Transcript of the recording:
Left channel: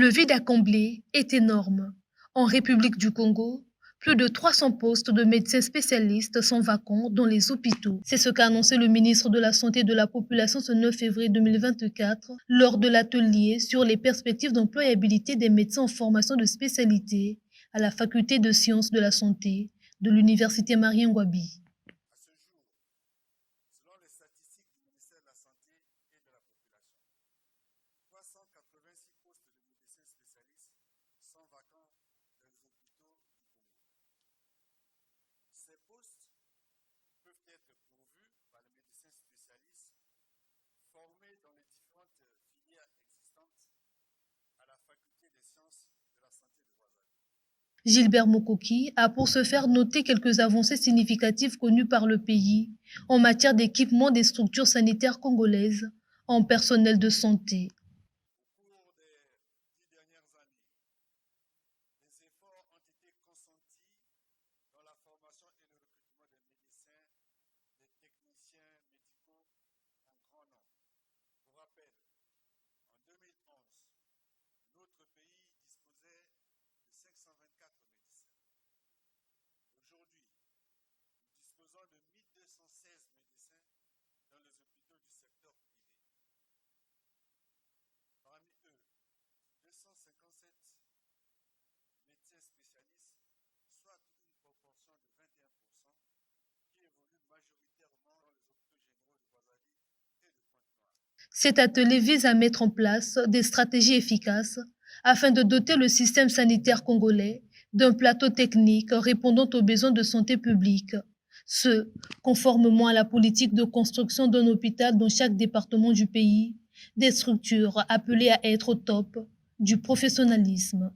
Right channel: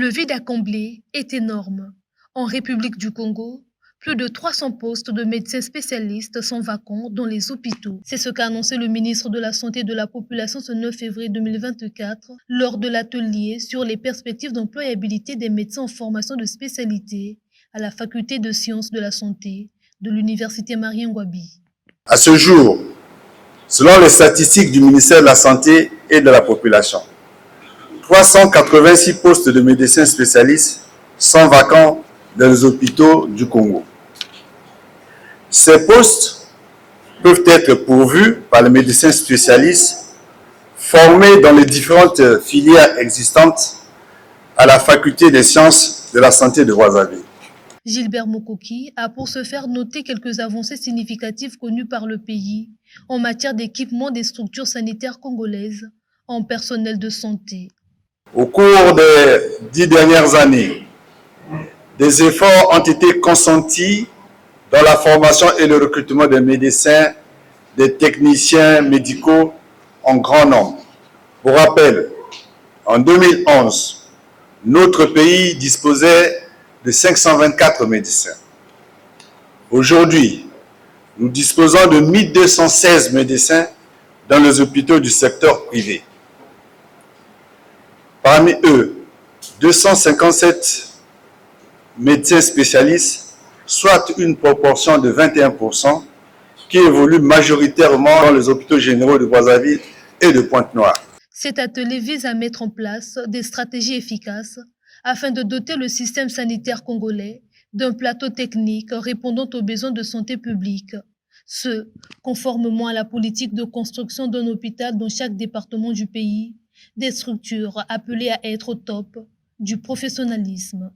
Le vide à combler est énorme. En République du Congo, plus de 300 postes de médecins spécialistes sont vacants dans les hôpitaux. C'est ce qu'a annoncé le ministre de la Santé et de la Population ce 9 février 2024 lors de l'atelier sur les perspectives d'employabilité des médecins en formation de spécialité à la Faculté de sciences de la santé de l'Université Marien-Ngouabi. À ce jour, selon les statistiques du ministère de la Santé et de la Population, 386 postes de médecins spécialistes sont vacants dans les hôpitaux du Congo. Ces postes peuvent être pourvus par les médecins spécialistes formés dans les différentes filières existantes à la Faculté des sciences de la santé de Brazzaville. Gilbert Mokoki a pour ce faire noter quelques avancées significatives connues par le pays en matière d'équipement des structures sanitaires congolaises en personnel de santé. Au cours des 10 dernières années, des efforts ont été consentis dans la formation et le recrutement des médecins, des techniciens médicaux en grand nombre. Pour rappel, en 2011, notre pays disposait de 524 médecins. Aujourd'hui, nous disposons de 1216 médecins dans les hôpitaux du secteur privé. Parmi eux, 257 médecins spécialistes, soit une proportion de 21%, qui évolue majoritairement dans les hôpitaux généraux de Brazzaville et de Pointe-Noire. Cet atelier vise à mettre en place des stratégies efficaces afin de doter le système sanitaire congolais d'un plateau technique répondant aux besoins de santé publique. Ce, conformément à la politique de construction d'un hôpital dans chaque département du pays, des structures appelées à être au top du professionnalisme.